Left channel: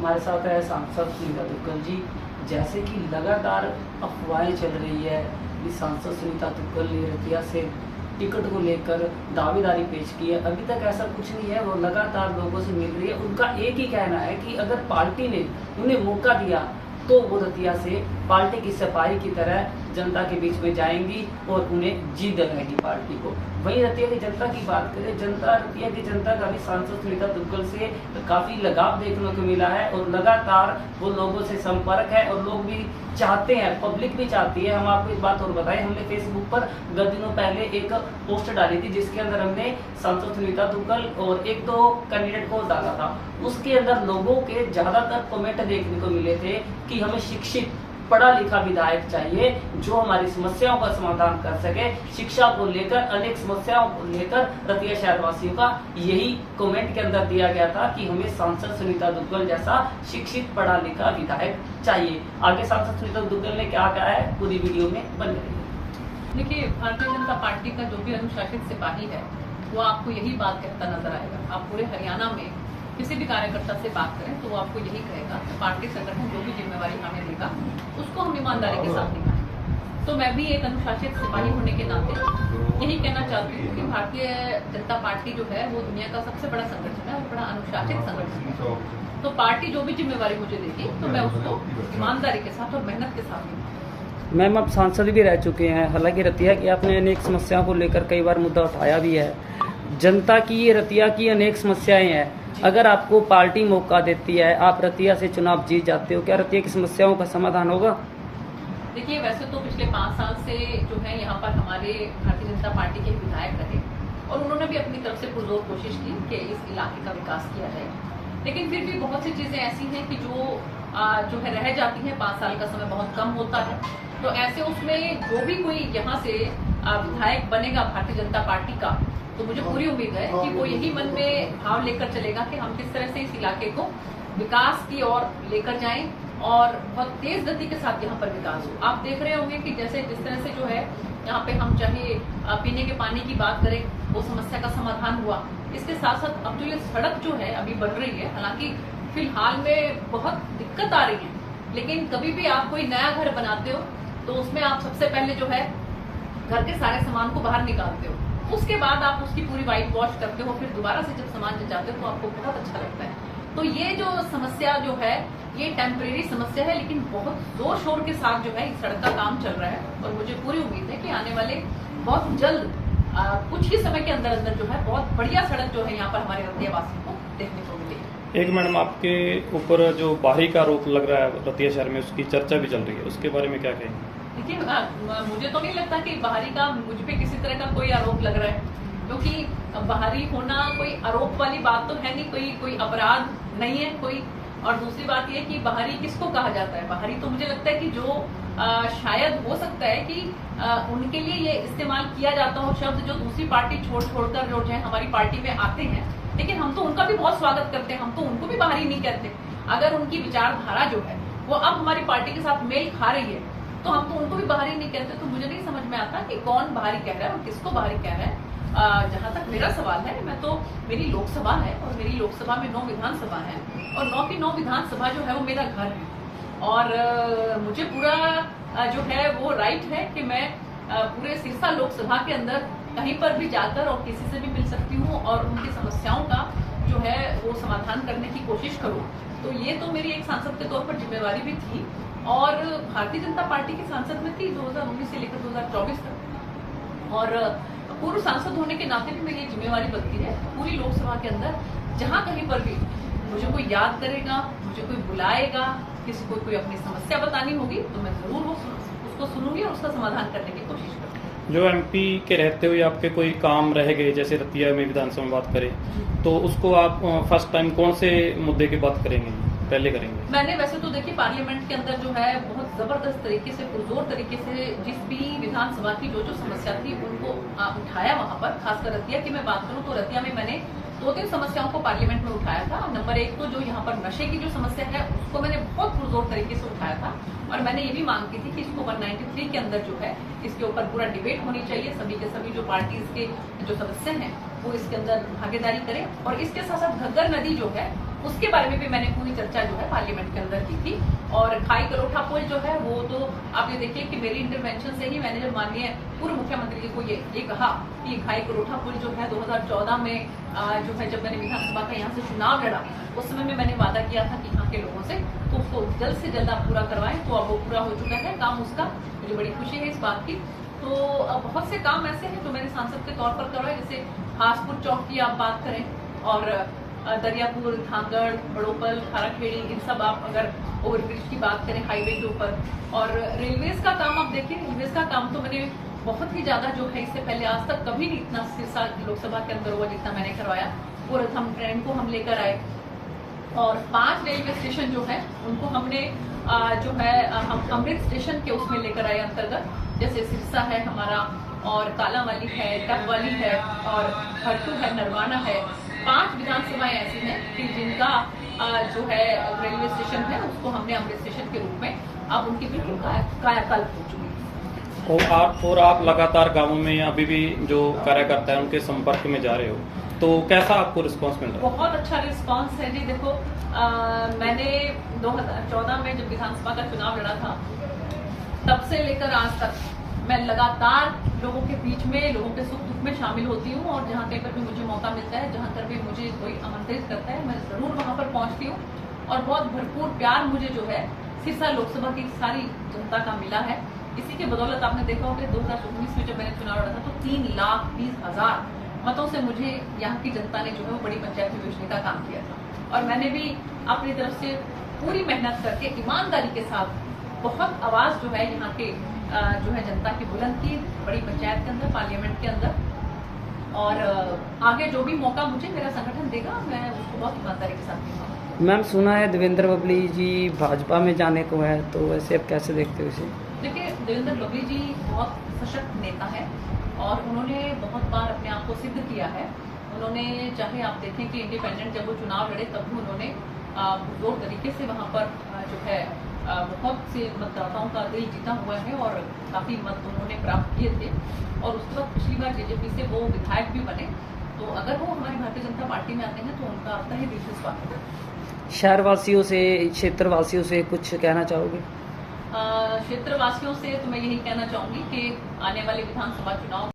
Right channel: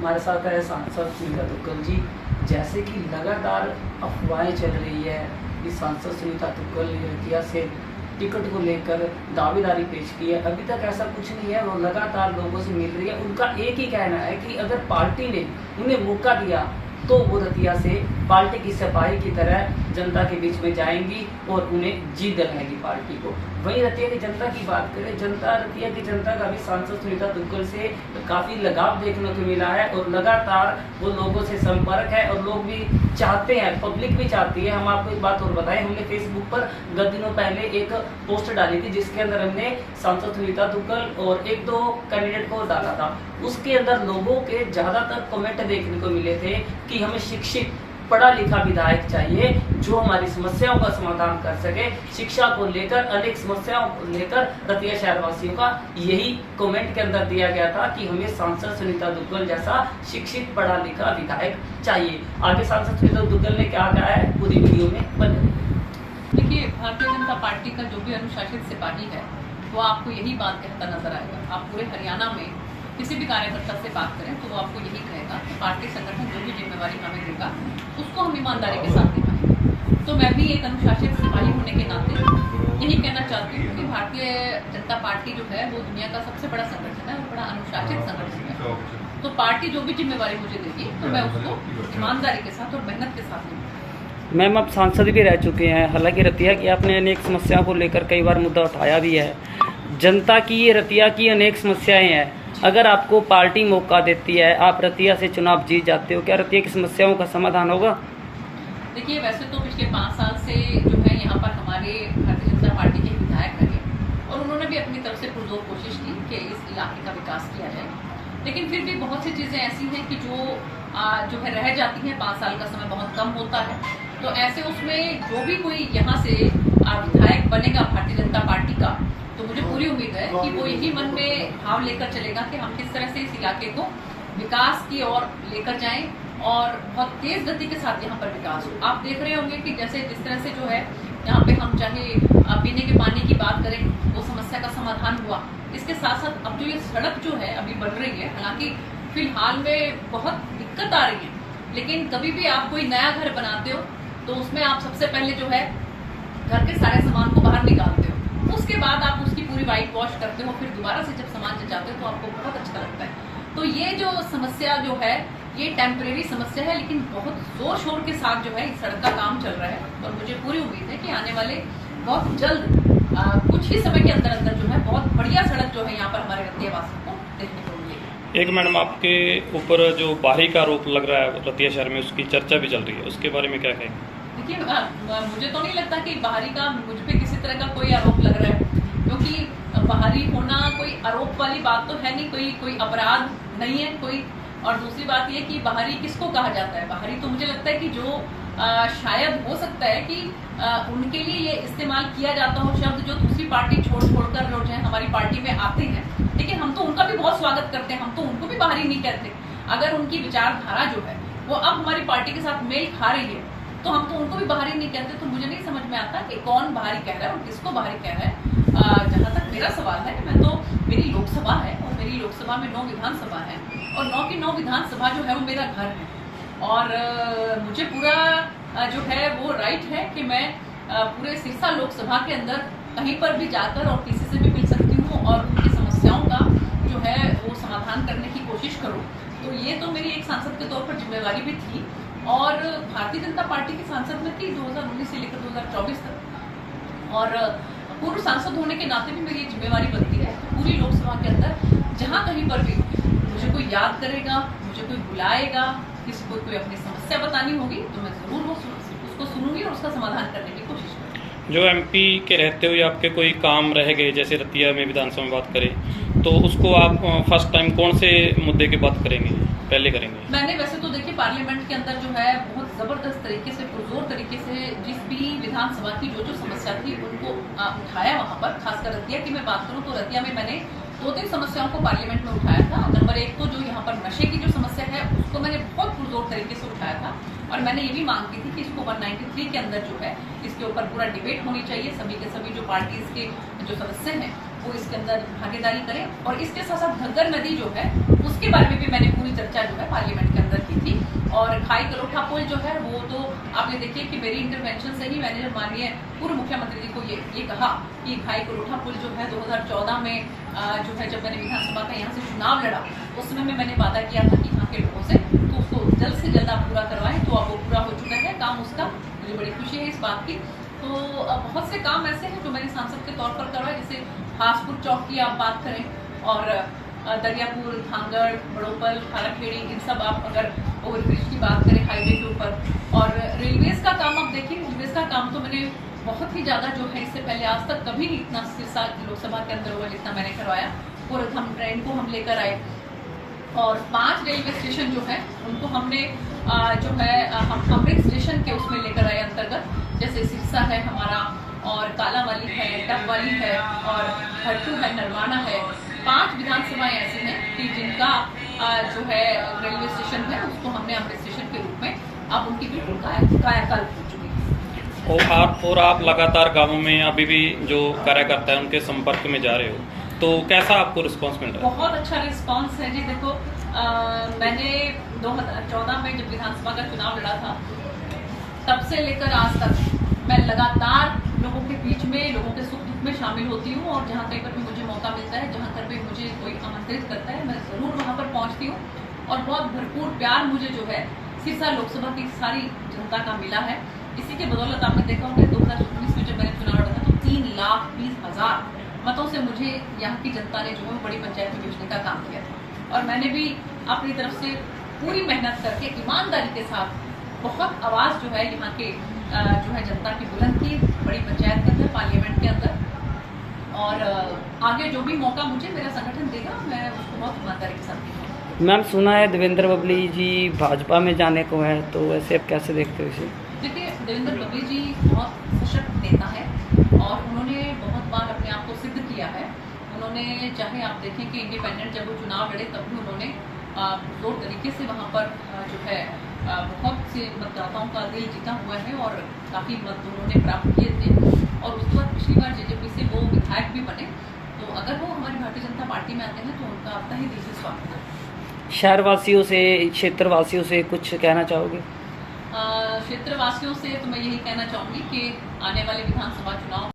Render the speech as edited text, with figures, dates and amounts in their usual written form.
हमारे साथ है सांसद सुनीता दुग्गल जी। जैसे कि लगातार अफवाहें चल रही है कि सांसद सुनीता दुग्गल ने रतिया से टिकट को लेकर दावेदारी पेश की है, अभी तक ऐसा कुछ नहीं है। वो लगातार लोगों से मिल रही है। उनका एक ही कहना है कि अगर पार्टी ने उन्हें मौका दिया तो वो रतिया से पार्टी की सिपाही की तरह जनता के बीच में जाएंगी और उन्हें जीत दिलाएगी पार्टी को। वहीं रतिया की जनता की बात करें, रतिया की जनता का भी सांसद सुनीता दुग्गल से काफी लगाव देखने को मिला है और लगातार वो लोगों से संपर्क है और लोग भी चाहते हैं, पब्लिक भी चाहती है। हम आपको एक बात और बताएं, हमने फेसबुक पर गत दिनों पहले एक पोस्ट डाली थी जिसके अंदर हमने सांसद सुनीता दुग्गल और एक दो कैंडिडेट को डाला था। उसके अंदर लोगों के ज्यादातर कमेंट देखने को मिले थे कि हमें शिक्षित पढ़ा लिखा विधायक चाहिए जो हमारी समस्याओं का समाधान कर सके। शिक्षा को लेकर, अनेक समस्याओं को लेकर रतिया शहरवासियों का यही कमेंट के अंदर दिया गया था कि हमें सांसद सुनीता दुग्गल जैसा शिक्षित पढ़ा लिखा विधायक चाहिए। आगे सांसद सुनीता दुग्गल ने क्या कहा है पूरी वीडियो में बन रही। देखिए, भारतीय जनता पार्टी का जो भी अनुशासित सिपाही है वो आपको यही बात कहता नजर आएगा। आप पूरे हरियाणा में किसी भी कार्यकर्ता से बात करें तो वो आपको यही कहेगा कि पार्टी संगठन जो भी जिम्मेवारी हमें देगा उसको हम ईमानदारी के साथ निभाएंगे। तो मैं भी एक अनुशासित सिपाही होने के नाते यही कहना चाहती हूँ कि भारतीय जनता पार्टी जो है वो दुनिया का सबसे बड़ा संगठन है और बड़ा अनुशासित संगठन है। तो पार्टी जो भी जिम्मेवारी मुझे देगी तो मैं उसको ईमानदारी के साथ और मेहनत के साथ निभाऊंगी। मैम, आप सांसद भी रह चुके हैं, हालांकि रतिया की आपने अनेक समस्याओं को लेकर कई बार मुद्दा उठाया भी है। जनता की, रतिया की अनेक समस्याएं हैं। अगर आपको पार्टी मौका देती है, आप रतिया से चुनाव जीत जाते हो, क्या रतिया की समस्याओं का समाधान होगा? देखिए, वैसे तो पिछले 5 साल से जो है यहाँ पर हमारे भारतीय जनता पार्टी के विधायक रहे और उन्होंने भी अपनी तरफ से पुरजोर कोशिश की कि इस इलाके का विकास किया जाए। लेकिन फिर भी बहुत सी चीजें ऐसी हैं कि जो है रह जाती हैं। 5 साल का समय बहुत कम होता है, तो ऐसे उसमें जो भी कोई यहाँ से विधायक बनेगा भारतीय जनता पार्टी का, तो मुझे पूरी उम्मीद है कि वो यही मन में भाव लेकर चलेगा कि हम किस तरह से इस इलाके को विकास की ओर लेकर जाएं और बहुत तेज गति के साथ यहाँ पर विकास हो। आप देख रहे होंगे कि जैसे जिस तरह से जो है यहाँ पे हम चाहे पीने के पानी की बात करें, वो समस्या का समाधान हुआ। इसके साथ साथ अब जो ये सड़क जो है अभी बन रही है, हालांकि फिलहाल में बहुत दिक्कत आ रही है, लेकिन कभी भी आप कोई नया घर बनाते हो तो उसमें आप सबसे पहले जो है घर के सारे सामान को बाहर निकालते हो, उसके बाद आप उसकी पूरी वाइट वॉश करते हो, फिर दोबारा से जब सामान जचाते हो तो आपको बहुत अच्छा लगता है। तो ये जो समस्या जो है ये टेम्परेरी समस्या है, लेकिन बहुत जोर शोर के साथ जो है इस सड़क का काम चल रहा है और मुझे पूरी उम्मीद है कि आने वाले बहुत जल्द कुछ ही समय के अंदर अंदर जो है बहुत बढ़िया सड़क जो है यहाँ पर हमारे रतिया वासियों को देखने को मिलेगी। एक मैडम, आपके ऊपर जो बाहरी का आरोप लग रहा है रतिया शहर में, उसकी चर्चा भी चल रही है, उसके बारे में क्या कहेंगे? देखिए, मुझे तो नहीं लगता कि बाहरी का मुझ पे किसी तरह का कोई आरोप लग रहा है, क्योंकि बाहरी होना कोई आरोप वाली बात तो है नहीं, कोई अपराध नहीं है कोई। और दूसरी बात ये कि बाहरी किसको कहा जाता है? बाहरी तो मुझे लगता है कि जो शायद हो सकता है कि उनके लिए ये इस्तेमाल किया जाता हो शब्द जो दूसरी पार्टी छोड़कर जो है हमारी पार्टी में आते हैं, लेकिन हम तो उनका भी बहुत स्वागत करते हैं, हम तो उनको भी बाहरी नहीं कहते। अगर उनकी विचारधारा जो है वो अब हमारी पार्टी के साथ मेल खा रही है तो हम तो उनको भी बाहरी नहीं कहते। तो मुझे नहीं समझ में आता कि कौन बाहरी कह रहा है और किसको बाहरी कह रहा है। जहाँ तक मेरा सवाल है, मैं तो, मेरी लोकसभा है और मेरी लोकसभा में 9 विधानसभा है और 9 की 9 विधानसभा जो है वो मेरा घर है और मुझे पूरा जो है वो राइट है कि मैं पूरे सिरसा लोकसभा के अंदर कहीं पर भी जाकर और किसी से भी मिल सकती हूँ और उनकी समस्याओं का जो है वो समाधान करने की कोशिश करूँ। तो ये तो मेरी एक सांसद के तौर पर जिम्मेवारी भी थी और भारतीय जनता पार्टी की सांसद में थी 2019 से लेकर 2024 तक, और पूर्व सांसद होने के नाते भी मेरी जिम्मेवारी बनती है पूरी लोकसभा के अंदर जहां कहीं पर भी मुझे कोई याद करेगा, मुझे कोई बुलाएगा, किसी को कोई अपनी समस्या बतानी होगी तो मैं जरूर वो उसको सुनूंगी और उसका समाधान करने की कोशिश करूंगी। जो एमपी के रहते हुए आपके कोई काम रह गए, जैसे रतिया में विधानसभा में बात करें, तो उसको आप फर्स्ट टाइम कौन से मुद्दे की बात करेंगे, पहले करेंगे? मैंने वैसे तो देखिए पार्लियामेंट के अंदर जो है बहुत जबरदस्त तरीके से, पुरजोर तरीके से जिस भी विधानसभा की जो समस्या थी उनको उठाया वहां पर। खासकर रतिया की मैं बात करूं तो रतिया में मैंने 2-3 समस्याओं को पार्लियामेंट में उठाया था। नंबर 1 तो जो यहाँ पर नशे की जो समस्या है उसको मैंने बहुत पुरजोर तरीके से उठाया था और मैंने ये भी मांग की थी कि इसको 193 के अंदर जो है इसके ऊपर पूरा डिबेट होनी चाहिए। सभी के सभी जो पार्टीज के जो सदस्य हैं वो इसके अंदर भागीदारी करें। और इसके साथ साथ घग्गर नदी जो है उसके बारे में भी मैंने पूरी चर्चा जो है पार्लियामेंट के अंदर की थी। और खाई करोठा पुल जो है वो तो आपने देखिए कि मेरी इंटरवेंशन से ही मैंने जब माननीय पूर्व मुख्यमंत्री जी को ये कहा कि खाई करोठा पुल जो है 2014 में जो है जब मैंने विधानसभा का यहाँ से चुनाव लड़ा उस समय में मैंने वादा किया था कि यहाँ के लोगों से तो उसको जल्द से जल्द आप पूरा करवाएं। तो अब वो पूरा हो चुका है काम उसका, मुझे बड़ी खुशी है इस बात की। तो बहुत से काम ऐसे हैं जो मैंने सांसद के तौर पर करवाए, जैसे हासपुर चौक की आप बात करें और दरियापुर, धांगड़, बड़ोपल, खाराखेड़ी, इन सब आप अगर ओवरब्रिज की बात करें हाईवे के ऊपर। और रेलवेज का काम आप देखिए, रेलवेज का काम तो मैंने बहुत ही ज्यादा जो है इससे पहले आज तक कभी नहीं इतना सिरसा लोकसभा के अंदर हुआ जितना मैंने करवाया। और हम ट्रेन को हम लेकर आए और 5 रेलवे स्टेशन जो है उनको हमने जो है हम अमृत स्टेशन के उसमें लेकर आए अंतर्गत, जैसे सिरसा है हमारा और कालावाली है, डबवाली है और हट्टू है, नरवाना है। 5 विधानसभाएं ऐसी हैं कि जिनका जो है रेलवे स्टेशन है उसको हमने अमृत स्टेशन के रूप में अब उनकी बिल्कुल कायाकल्प हो चुकी है। और आप लगातार गांवों में अभी भी जो कार्यकर्ता है उनके संपर्क में जा रहे हो, तो कैसा आपको रिस्पांस मिल रहा है? बहुत अच्छा रिस्पांस है जी। देखो मैंने 2014 में जब विधानसभा का चुनाव लड़ा था तब से लेकर आज तक मैं लगातार लोगों के बीच में, लोगों के सुख दुख में शामिल होती हूँ। और जहाँ कहीं पर भी मुझे मौका मिलता है, जहाँ पर भी मुझे कोई आमंत्रित करता है, मैं जरूर वहाँ पर पहुँचती हूँ। और बहुत भरपूर प्यार मुझे जो है सिरसा लोकसभा की सारी जनता का मिला है। इसी के बदौलत आपने देखा होगा 2019 में जब मैंने चुनाव लड़ा था तो 3,20,000 मतों से मुझे यहाँ की जनता ने जो है वो बड़ी पंचायत में भेजने का काम किया था। और मैंने भी अपनी तरफ से पूरी मेहनत करके ईमानदारी के साथ बहुत आवाज जो है यहाँ के जो है जनता की बुलंद की, बड़ी पंचायत के अंदर, पार्लियामेंट के अंदर। और आगे जो भी मौका मुझे मेरा संगठन देगा मैं उसको बहुत ईमानदारी के साथ दूंगा। मैम सुना है देवेंद्र बबली जी भाजपा में जाने को है, तो वैसे आप कैसे देखते हो इसे? देखिए देवेंद्र बबली जी बहुत सशक्त नेता है और उन्होंने बहुत बार अपने आप को सिद्ध किया है। उन्होंने चाहे आप देखें कि इंडिपेंडेंट जब वो चुनाव लड़े तब भी उन्होंने जोर तरीके से वहाँ पर जो है बहुत से मतदाताओं का दिल जीता हुआ है और काफ़ी मत उन्होंने प्राप्त किए थे। और उसके बाद पिछली बार जेजेपी से वो विधायक भी बने। तो अगर वो हमारी भारतीय जनता पार्टी में आते हैं तो उनका अब ही दिल से स्वागत है। शहरवासियों से, क्षेत्रवासियों से कुछ कहना चाहोगे? क्षेत्रवासियों से तो मैं यही कहना चाहूँगी कि आने वाले विधानसभा चुनाव